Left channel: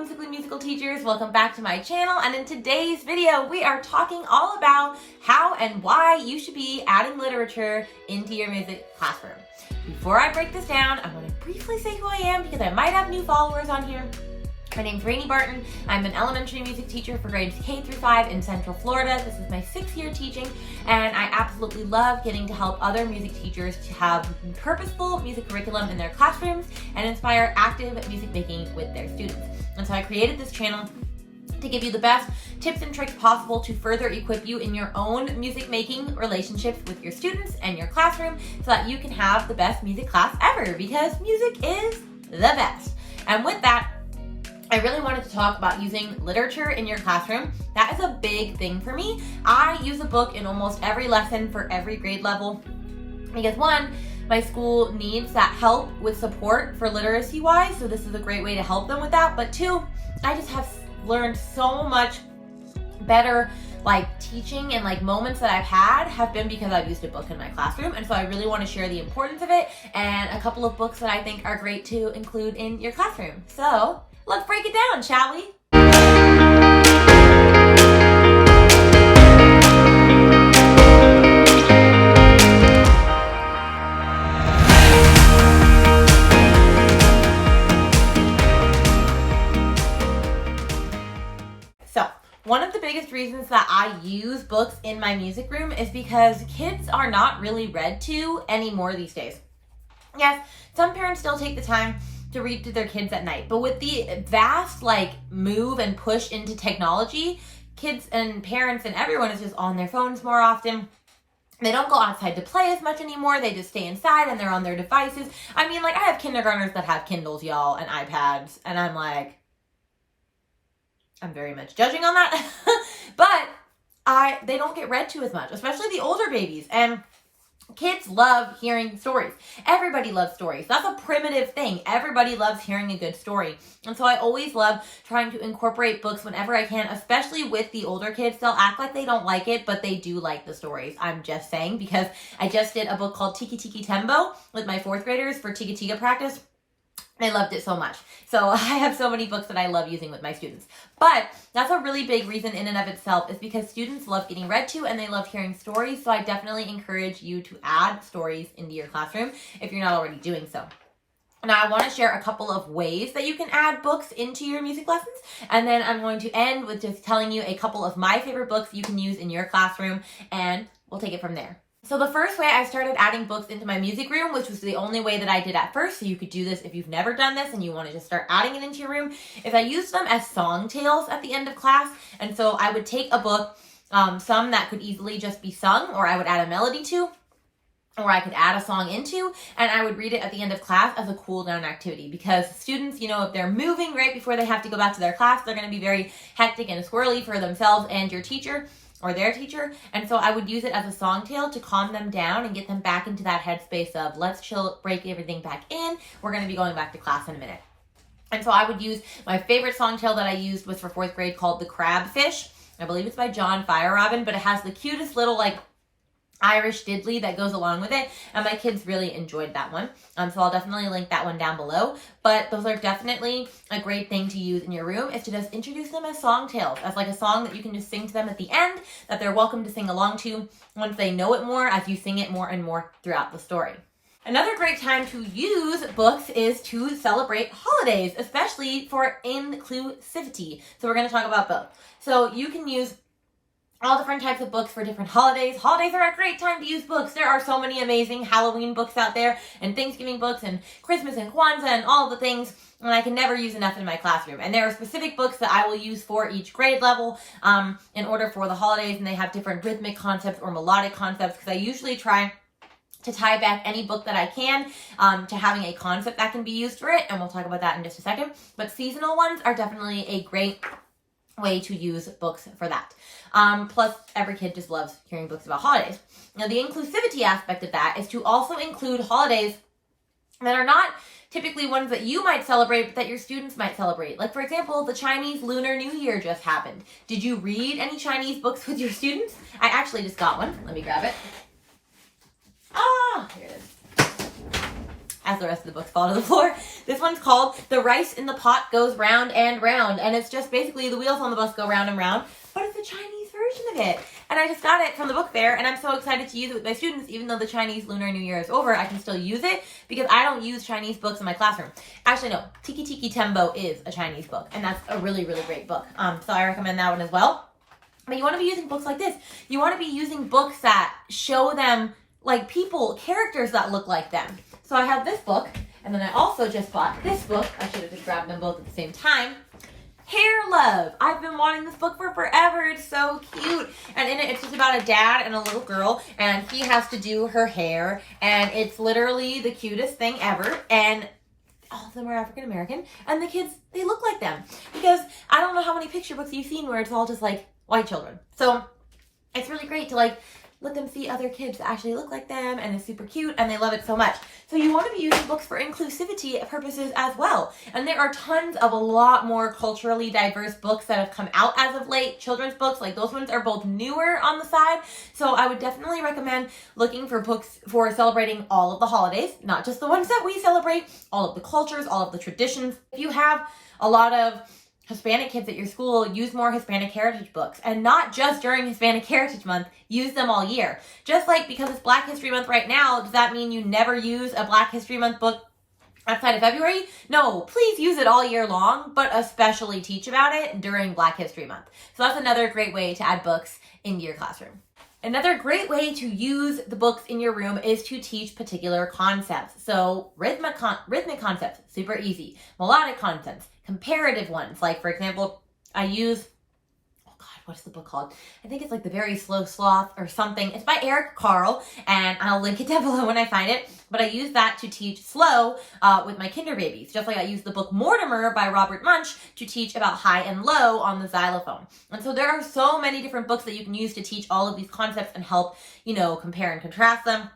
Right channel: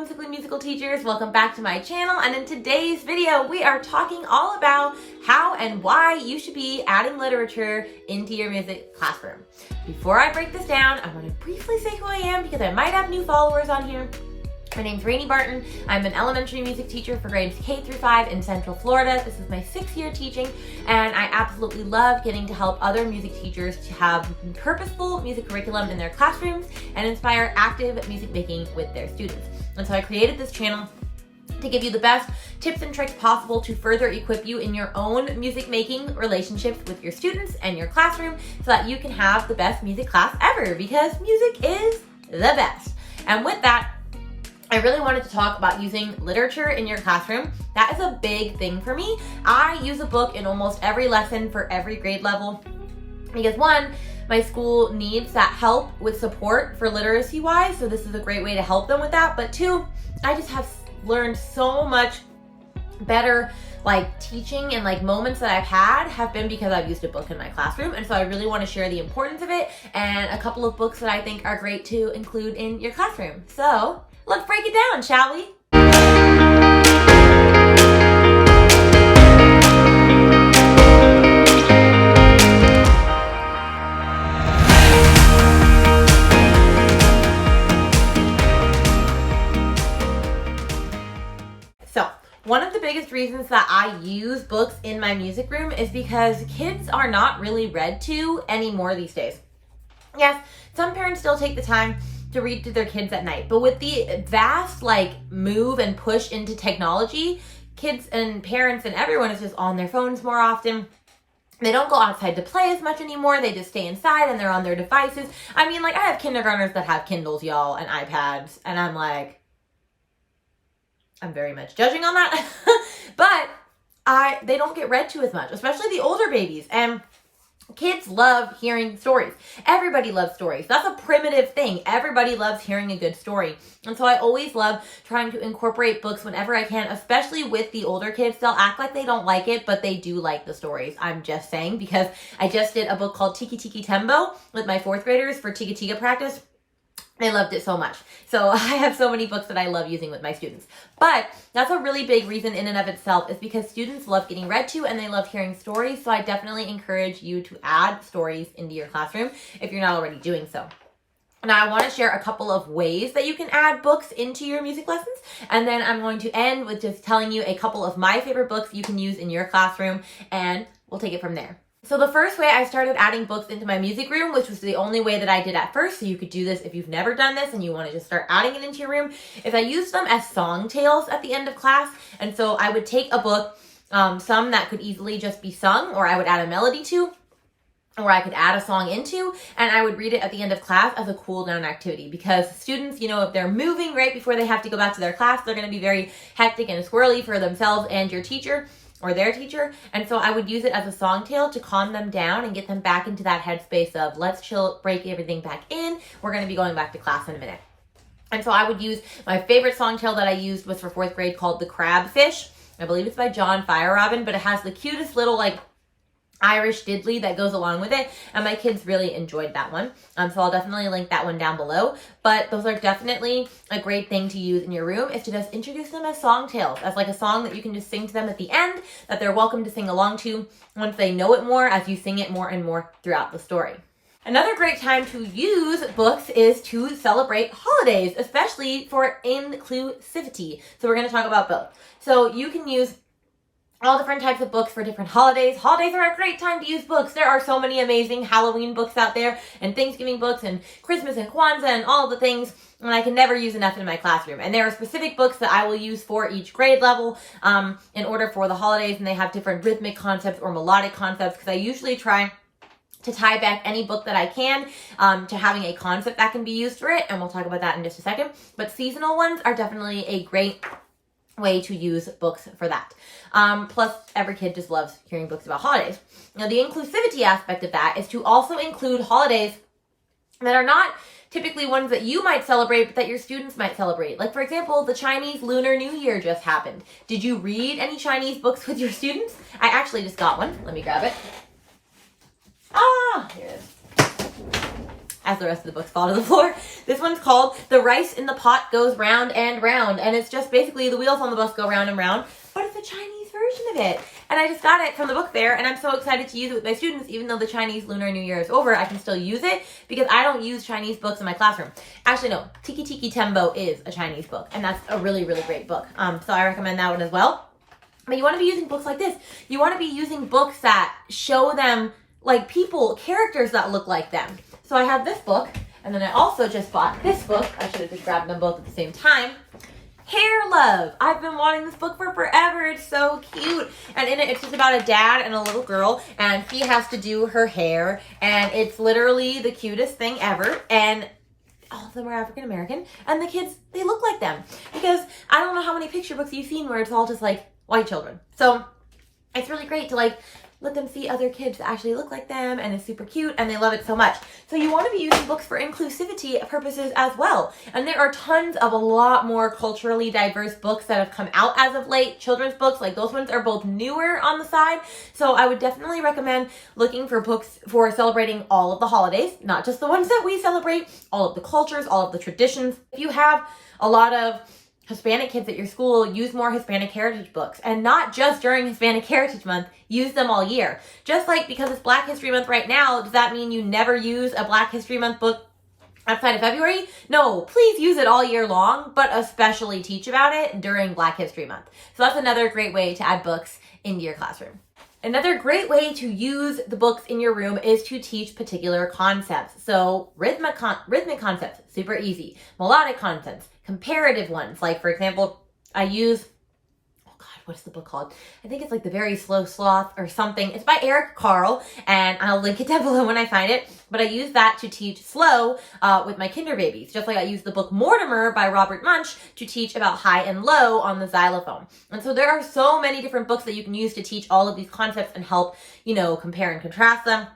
whimsically musical teachers, welcome back to my channel, and in today's video we are talking all about how and why you should be adding literature into your music classroom. Before I break this down, I want to briefly say who I am because I might have new followers on here. My name's Rainey Barton. I'm an elementary music teacher for grades K through 5 in Central Florida. This is my 6th year teaching, and I absolutely love getting to help other music teachers to have purposeful music curriculum in their classrooms and inspire active music making with their students. And so I created this channel to give you the best tips and tricks possible to further equip you in your own music making relationships with your students and your classroom so that you can have the best music class ever, because music is the best. And with that, I really wanted to talk about using literature in your classroom. That is a big thing for me. I use a book in almost every lesson for every grade level because one, my school needs that help with support for literacy wise, so this is a great way to help them with that. But two, I just have learned so much better teaching, and moments that I've had have been because I've used a book in my classroom. And so I really want to share the importance of it and a couple of books that I think are great to include in your classroom. So let's break it down, shall we? So, one of the biggest reasons that I use books in my music room is because kids are not really read to anymore these days. Yes, some parents still take the time to read to their kids at night, but with the vast move and push into technology, kids and parents and everyone is just on their phones more often. They don't go outside to play as much anymore. They just stay inside and they're on their devices. I mean, I have kindergartners that have Kindles, y'all, and iPads, and I'm very much judging on that. But they don't get read to as much, especially the older babies. And kids love hearing stories. Everybody loves stories. That's a primitive thing. Everybody loves hearing a good story. And so I always love trying to incorporate books whenever I can, especially with the older kids. They'll act like they don't like it, but they do like the stories. I'm just saying, because I just did a book called Tikki-Tikki Tembo with my 4th graders for Tika-Tika practice. They loved it so much. So I have so many books that I love using with my students. But that's a really big reason in and of itself, is because students love getting read to and they love hearing stories. So I definitely encourage you to add stories into your classroom if you're not already doing so. Now I want to share a couple of ways that you can add books into your music lessons. And then I'm going to end with just telling you a couple of my favorite books you can use in your classroom, and we'll take it from there. So the first way I started adding books into my music room, which was the only way that I did at first, so you could do this if you've never done this and you want to just start adding it into your room, is I used them as song tales at the end of class. And so I would take a book, some that could easily just be sung, or I would add a melody to, or I could add a song into, and I would read it at the end of class as a cool down activity. Because students, if they're moving right before they have to go back to their class, they're going to be very hectic and squirrely for themselves and your teacher, or their teacher. And so I would use it as a song tale to calm them down and get them back into that headspace of let's chill, break everything back in. We're going to be going back to class in a minute. And so I would use, my favorite song tale that I used was for 4th grade, called The Crabfish. I believe it's by John Fierobin, but it has the cutest little Irish diddly that goes along with it, and my kids really enjoyed that one. So I'll definitely link that one down below. But those are definitely a great thing to use in your room, is to just introduce them as song tales, as a song that you can just sing to them at the end, that they're welcome to sing along to once they know it more, as you sing it more and more throughout the story. Another great time to use books is to celebrate holidays, especially for inclusivity. So we're going to talk about both. So you can use all different types of books for different holidays. Holidays are a great time to use books. There are so many amazing Halloween books out there, and Thanksgiving books, and Christmas and Kwanzaa, and all the things, and I can never use enough in my classroom. And there are specific books that I will use for each grade level in order for the holidays, and they have different rhythmic concepts or melodic concepts, because I usually try to tie back any book that I can to having a concept that can be used for it, and we'll talk about that in just a second. But seasonal ones are definitely a great way to use books for that. Plus, every kid just loves hearing books about holidays. Now, the inclusivity aspect of that is to also include holidays that are not typically ones that you might celebrate, but that your students might celebrate. For example, the Chinese Lunar New Year just happened. Did you read any Chinese books with your students? I actually just got one. Let me grab it. Here it is. as the rest of the books fall to the floor. This one's called The Rice in the Pot Goes Round and Round. And it's just basically the wheels on the bus go round and round, but it's a Chinese version of it. And I just got it from the book fair, and I'm so excited to use it with my students. Even though the Chinese Lunar New Year is over, I can still use it because I don't use Chinese books in my classroom. Actually, no, Tikki-Tikki Tembo is a Chinese book, and that's a really, really great book. So I recommend that one as well. But you want to be using books like this. You want to be using books that show them like people, characters that look like them. So I have this book, and then I also just bought this book. I should have just grabbed them both at the same time. Hair Love. I've been wanting this book for forever. It's so cute. And in it, it's just about a dad and a little girl, and she has to do her hair, and it's literally the cutest thing ever. And all of them are African American, and the kids, they look like them. Because I don't know how many picture books you've seen where it's all just like white children. So it's really great to like let them see other kids that actually look like them, and it's super cute, and they love it so much. So you want to be using books for inclusivity purposes as well. And there are tons of a lot more culturally diverse books that have come out as of late. Children's books, like those ones are both newer on the side. So I would definitely recommend looking for books for celebrating all of the holidays, not just the ones that we celebrate, all of the cultures, all of the traditions. If you have a lot of Hispanic kids at your school, use more Hispanic Heritage books, and not just during Hispanic Heritage Month, use them all year. Just like because it's Black History Month right now, does that mean you never use a Black History Month book outside of February? No, please use it all year long, but especially teach about it during Black History Month. So that's another great way to add books into your classroom. Another great way to use the books in your room is to teach particular concepts. So rhythmic concepts, super easy. Melodic concepts, comparative ones. Like for example, I use, oh God, what's the book called? I think it's like The Very Slow Sloth or something. It's by Eric Carle, and I'll link it down below when I find it. But I use that to teach slow with my kinder babies. Just like I use the book Mortimer by Robert Munsch to teach about high and low on the xylophone. And so there are so many different books that you can use to teach all of these concepts and help, you know, compare and contrast them.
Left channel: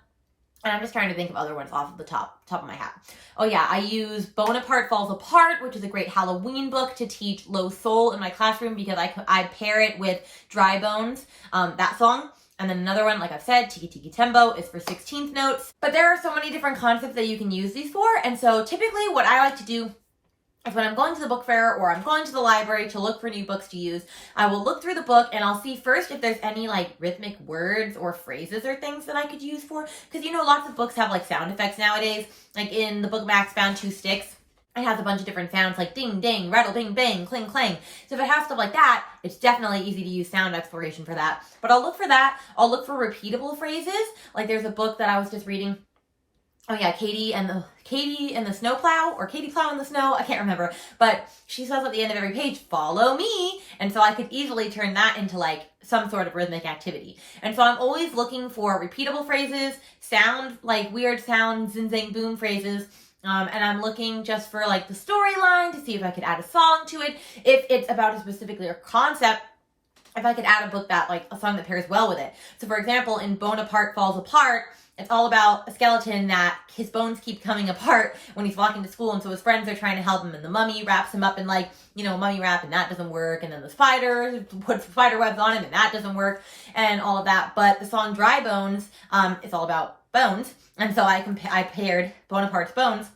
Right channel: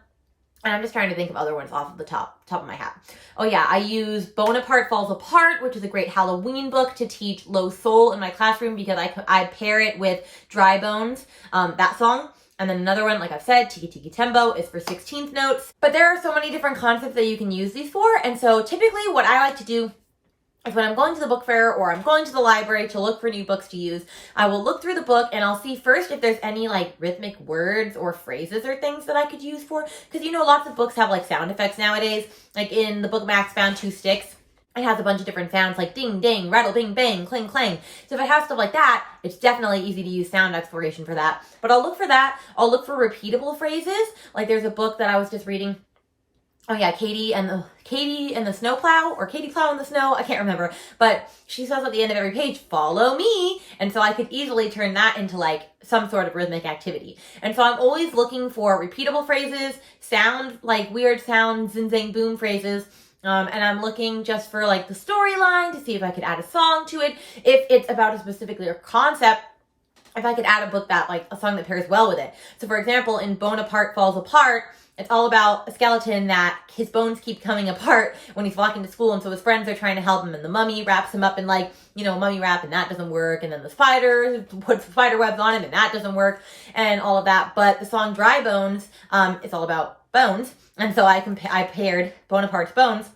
And I'm just trying to think of other ones off of the top of my hat. Oh yeah, I use Bonaparte Falls Apart, which is a great Halloween book to teach Low Soul in my classroom because I pair it with Dry Bones, that song. And then another one, like I've said, Tikki-Tikki Tembo is for 16th notes. But there are so many different concepts that you can use these for. And so typically what I like to do is when I'm going to the book fair or I'm going to the library to look for new books to use, I will look through the book and I'll see first if there's any like rhythmic words or phrases or things that I could use for. Because you know, lots of books have like sound effects nowadays. Like in the book Max Found Two Sticks, it has a bunch of different sounds like ding, ding, rattle, bing, bang, cling, clang. So if I have stuff like that, it's definitely easy to use sound exploration for that. But I'll look for that. I'll look for repeatable phrases. Like there's a book that I was just reading. Oh yeah, Katy and the Snowplow, or Katy Plow in the Snow. I can't remember. But she says at the end of every page, follow me. And so I could easily turn that into like some sort of rhythmic activity. And so I'm always looking for repeatable phrases, sound, like weird sound, zing, zang, boom phrases. And I'm looking just for like the storyline to see if I could add a song to it. If it's about a specific concept, if I could add a book that like a song that pairs well with it. So for example, in Bonaparte Falls Apart, it's all about a skeleton that his bones keep coming apart when he's walking to school. And so his friends are trying to help him, and the mummy wraps him up in like, you know, mummy wrap, and that doesn't work. And then the spider puts spider webs on him, and that doesn't work, and all of that. But the song Dry Bones, it's all about bones. And so I paired Bonaparte's bones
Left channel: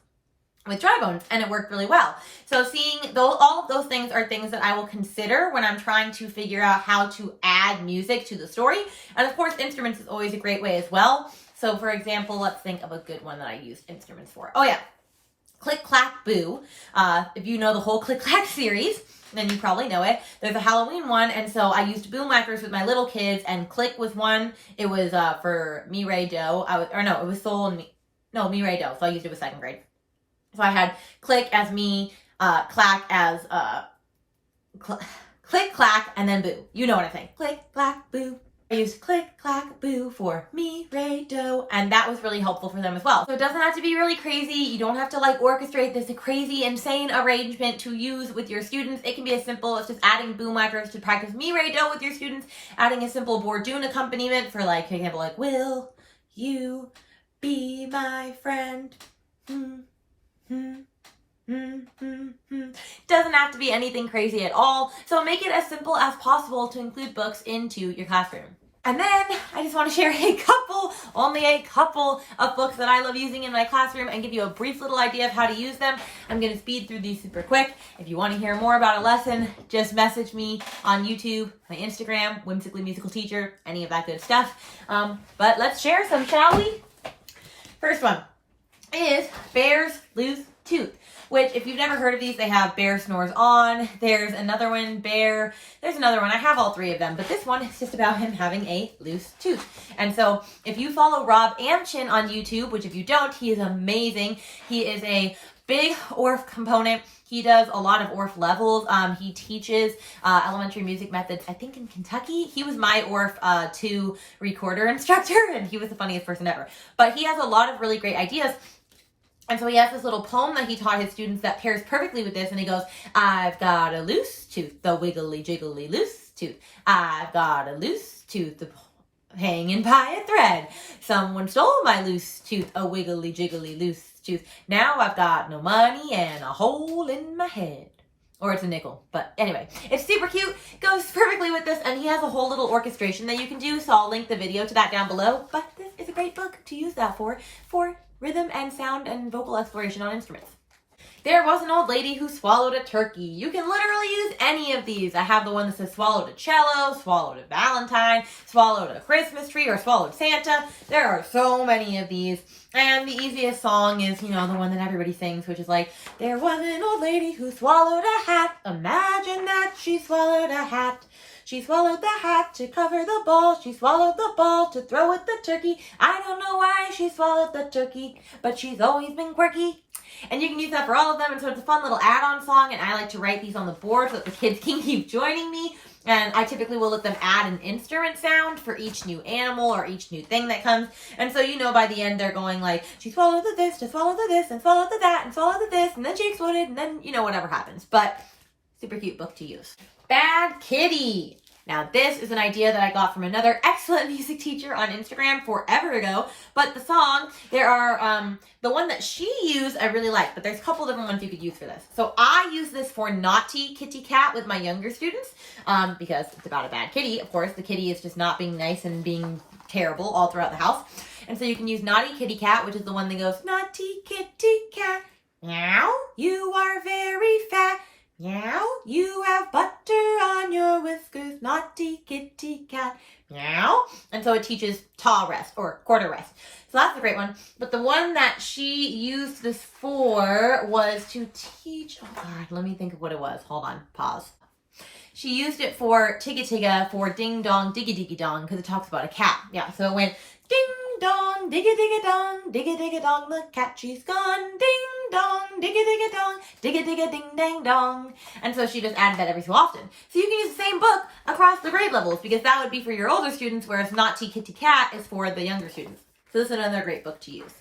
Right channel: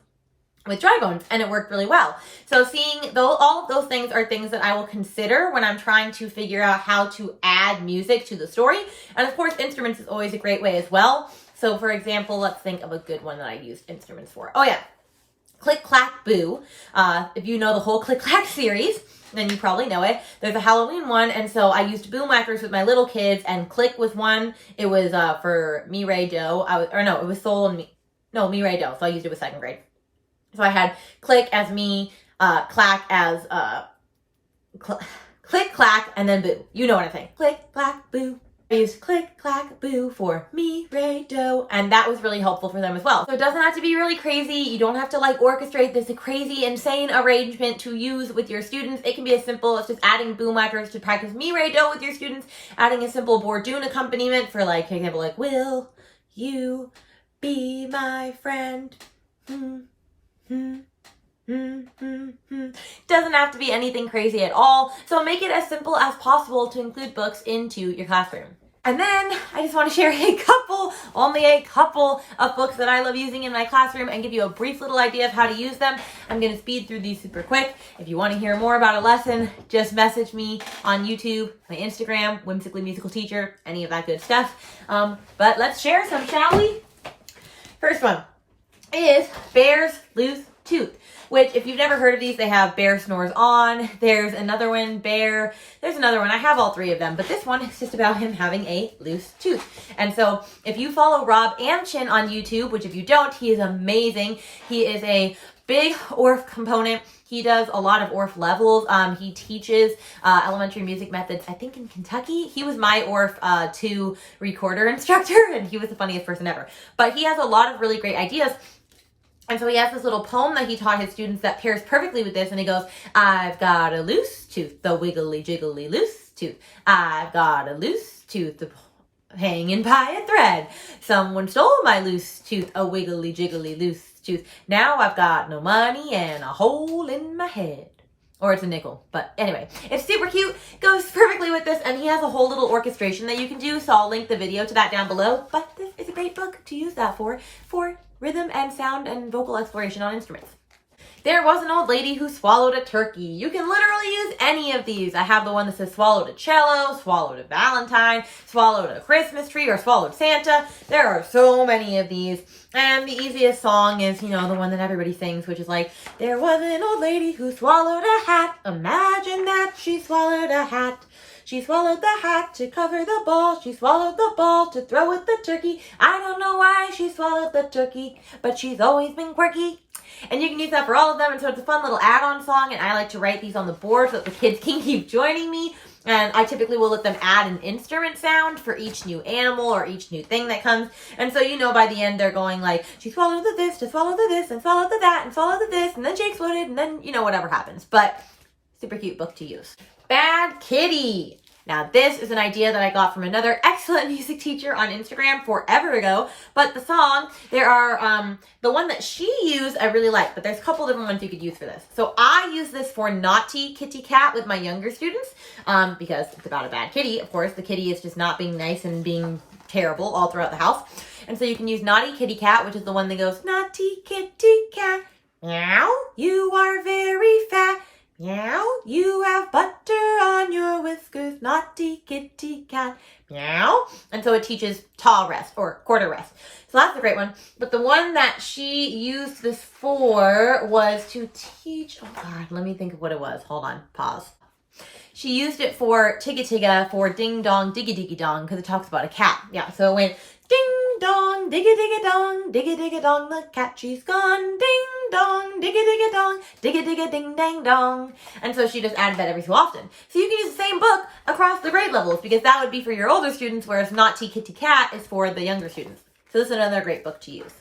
with Dry Bones, and it worked really well. So seeing all of those things are things that I will consider when I'm trying to figure out how to add music to the story. And of course, instruments is always a great way as well. So for example, let's think of a good one that I used instruments for. Oh yeah, Click-Clack Boo. If you know the whole Click-Clack series, then you probably know it. There's a Halloween one, and so I used Boomwhackers with my little kids, and Click was one. It was for Mi, Re, Do. It was Sol and Mi. No, Mi, Re, Do. So I used it with second grade. So I had Click as me, Clack as Click, Clack, and then Boo. You know what I'm saying. Click, Clack, Boo. I used Click, Clack, Boo for Mi, Re, Do, and that was really helpful for them as well. So it doesn't have to be really crazy. You don't have to like orchestrate this crazy, insane arrangement to use with your students. It can be as simple as just adding Boomwhackers to practice Mi, Re, Do with your students, adding a simple Bourdain accompaniment for like, for example, like, will you be my friend? Doesn't have to be anything crazy at all. So make it as simple as possible to include books into your classroom. And then I just want to share only a couple of books that I love using in my classroom and give you a brief little idea of how to use them. I'm going to speed through these super quick. If you want to hear more about a lesson, just message me on YouTube, my Instagram, Whimsically Musical Teacher, any of that good stuff. But let's share some, shall we? First one is Bear's Loose Tooth, which if you've never heard of these, they have Bear Snores On. There's another one, there's another one. I have all three of them, but this one is just about him having a loose tooth. And so if you follow Rob Amchin on YouTube, which if you don't, he is amazing. He is a big ORF component. He does a lot of ORF levels. He teaches elementary music methods, I think in Kentucky. He was my ORF 2 recorder instructor, and he was the funniest person ever. But he has a lot of really great ideas. And so he has this little poem that he taught his students that pairs perfectly with this. And he goes, I've got a loose tooth, the wiggly jiggly loose tooth. I've got a loose tooth, the hanging by a thread. Someone stole my loose tooth, a wiggly jiggly loose tooth. Now I've got no money and a hole in my head. Or it's a nickel. But anyway, it's super cute, goes perfectly with this, and he has a whole little orchestration that you can do. So I'll link the video to that down below. But this is a great book to use that for rhythm and sound and vocal exploration on instruments. There was an old lady who swallowed a turkey. You can literally use any of these. I have the one that says swallowed a cello, swallowed a valentine, swallowed a Christmas tree, or swallowed Santa. There are so many of these. And the easiest song is, you know, the one that everybody sings, which is like, there was an old lady who swallowed a hat. Imagine that she swallowed a hat. She swallowed the hat to cover the ball. She swallowed the ball to throw at the turkey. I don't know why she swallowed the turkey, but she's always been quirky. And you can use that for all of them. And so it's a fun little add-on song. And I like to write these on the board so that the kids can keep joining me. And I typically will let them add an instrument sound for each new animal or each new thing that comes. And so, you know, by the end, they're going like, she swallowed the this, to swallow the this, and swallowed the that, and swallowed the this, and then she exploded, and then, you know, whatever happens. But super cute book to use. Bad Kitty. Now, this is an idea that I got from another excellent music teacher on Instagram forever ago. But the song, there are, the one that she used I really like, but there's a couple different ones you could use for this. So I use this for Naughty Kitty Cat with my younger students, because it's about a bad kitty. Of course, the kitty is just not being nice and being terrible all throughout the house. And so you can use Naughty Kitty Cat, which is the one that goes, Naughty Kitty Cat, meow, you are very fat. Meow, you have butter on your whiskers, naughty kitty cat. Meow. And so it teaches ta rest or quarter rest. So that's a great one. But the one that she used this for was to teach, oh God, let me think of what it was. Hold on, pause. She used it for Tika-Tika for Ding Dong Diggidiggidong because it talks about a cat. Yeah, so it went ding dong diggidiggidong, diggidiggidong, the cat she's gone, ding dong, diggidiggidong, diggidiggiding dang dong. And so she just added that every so often. So you can use the same book across the grade levels because that would be for your older students, whereas Naughty Kitty Cat is for the younger students. So this is another great book to use.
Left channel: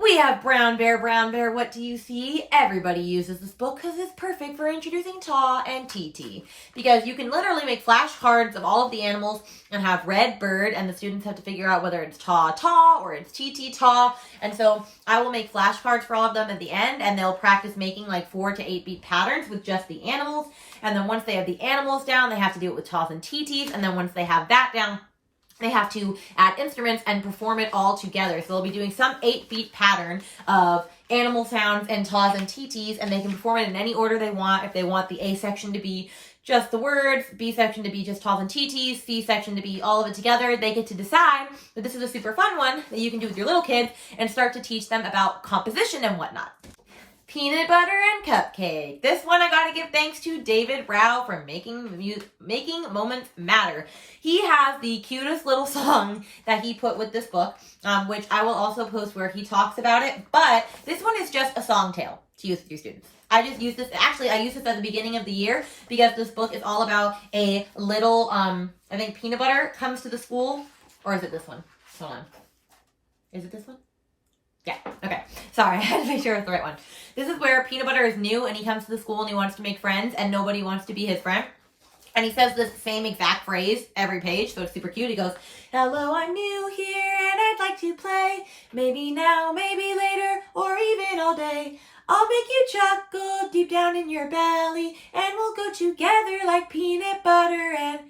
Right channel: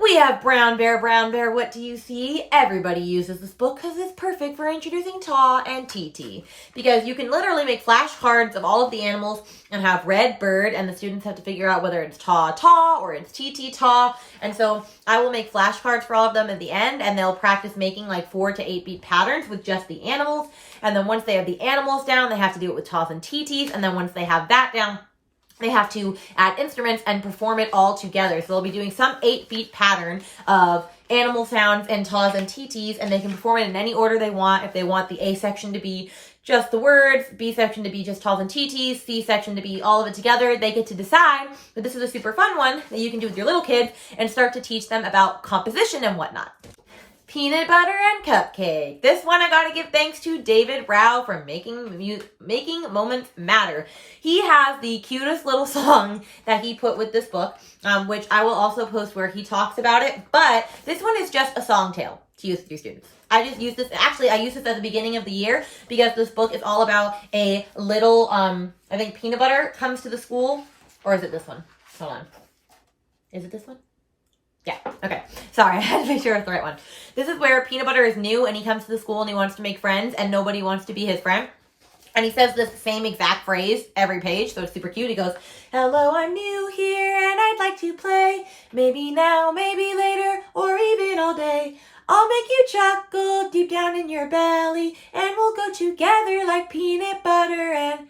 We have Brown Bear, what do you see? Everybody uses this book because it's perfect for introducing Ta and TT. Because you can literally make flashcards of all of the animals and have red bird, and the students have to figure out whether it's Ta or it's TT Ta. And so I will make flashcards for all of them at the end, and they'll practice making like 4 to 8 beat patterns with just the animals. And then once they have the animals down, they have to do it with Tas and TTs. And then once they have that down, they have to add instruments and perform it all together. So they'll be doing some 8-beat pattern of animal sounds and Tas and TTs, and they can perform it in any order they want. If they want the A section to be just the words, B section to be just Tas and TTs, C section to be all of it together, they get to decide. But this is a super fun one that you can do with your little kids and start to teach them about composition and whatnot. Peanut butter and cupcake. This one I gotta give thanks to David Rao for making moments matter. He has the cutest little song that he put with this book, which I will also post where he talks about it. But this one is just a song tale to use with your students. I just use this, actually I used this at the beginning of the year because this book is all about a little, I think Peanut Butter comes to the school, or is it this one? Hold on. Is it this one? Yeah, okay. Sorry, I had to make sure it's the right one. This is where Peanut Butter is new and he comes to the school and he wants to make friends and nobody wants to be his friend. And he says this same exact phrase every page, so it's super cute. He goes, hello, I'm new here and I'd like to play. Maybe now, maybe later, or even all day. I'll make you chuckle deep down in your belly and we'll go together like peanut butter and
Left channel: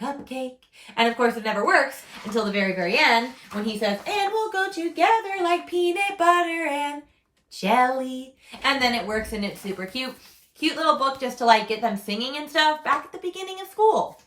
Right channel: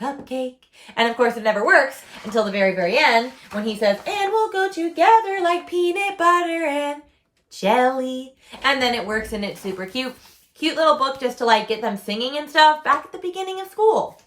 cupcake. And of course it never works until the very, very end when he says, and we'll go together like peanut butter and jelly. And then it works and it's super cute. Cute little book just to like get them singing and stuff back at the beginning of school.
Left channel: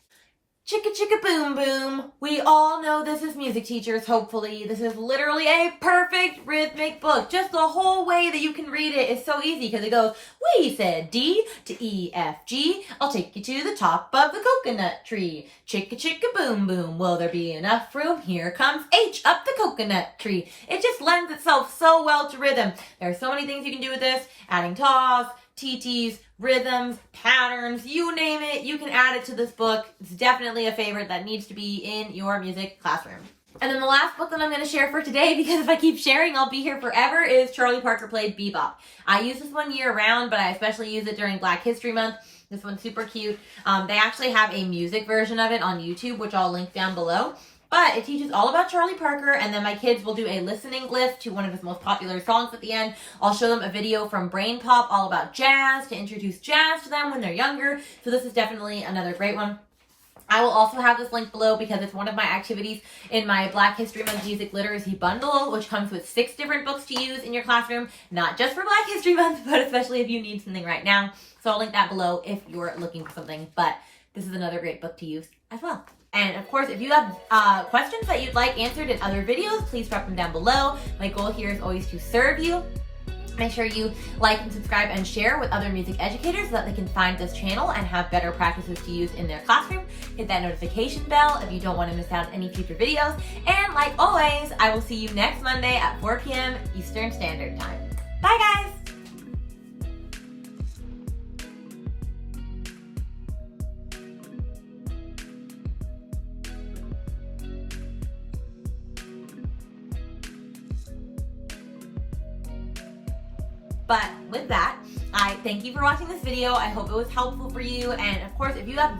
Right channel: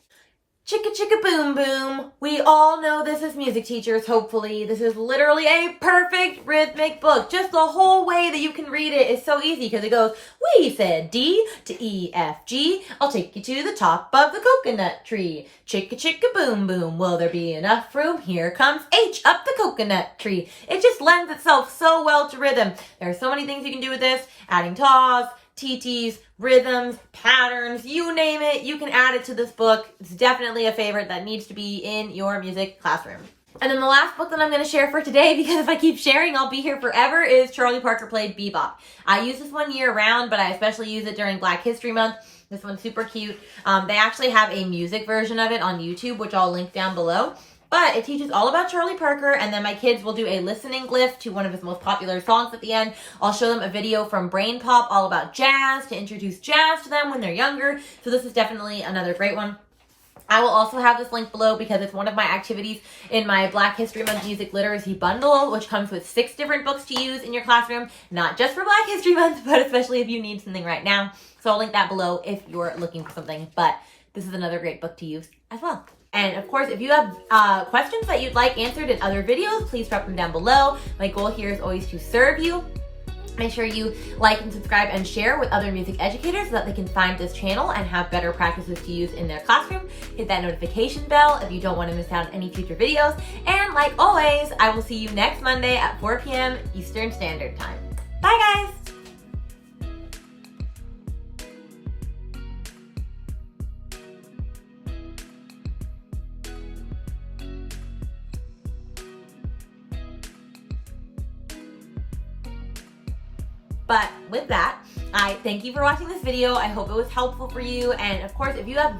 Chicka-Chicka boom boom. We all know this as music teachers, hopefully. This is literally a perfect rhythmic book. Just the whole way that you can read it is so easy because it goes, we said D to E, F, G. I'll take you to the top of the coconut tree. Chicka-Chicka boom boom. Will there be enough room? Here comes H up the coconut tree. It just lends itself so well to rhythm. There are so many things you can do with this. Adding taws, TTs, rhythms, patterns, you name it, you can add it to this book. It's definitely a favorite that needs to be in your music classroom. And then the last book that I'm going to share for today, because if I keep sharing, I'll be here forever, is Charlie Parker Played Bebop. I use this one year round, but I especially use it during Black History Month. This one's super cute. They actually have a music version of it on YouTube, which I'll link down below. But it teaches all about Charlie Parker, and then my kids will do a listening glyph to one of his most popular songs at the end. I'll show them a video from Brain Pop all about jazz to introduce jazz to them when they're younger. So this is definitely another great one. I will also have this link below because it's one of my activities in my Black History Month Music Literacy Bundle, which comes with 6 different books to use in your classroom, not just for Black History Month, but especially if you need something right now. So I'll link that below if you're looking for something, but this is another great book to use as well. And of course, if you have questions that you'd like answered in other videos, please drop them down below. My goal here is always to serve you. Make sure you like and subscribe and share with other music educators so that they can find this channel and have better practices to use in their classroom. Hit that notification bell if you don't want to miss out on any future videos. And like always, I will see you next Monday at 4 p.m. Eastern Standard Time. Bye guys! But with that, I thank you for watching this video. I hope it was helpful for you. And of course, if you have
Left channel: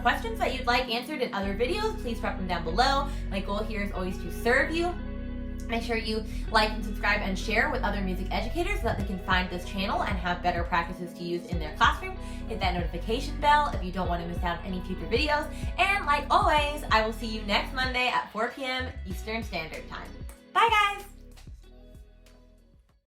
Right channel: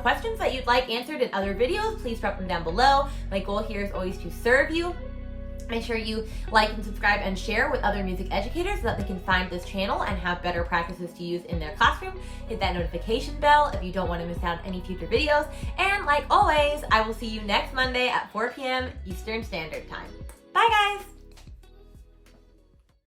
questions that you'd like answered in other videos, please drop them down below. My goal here is always to serve you. Make sure you like and subscribe and share with other music educators so that they can find this channel and have better practices to use in their classroom. Hit that notification bell if you don't want to miss out on any future videos. And like always, I will see you next Monday at 4 p.m. Eastern Standard Time. Bye guys!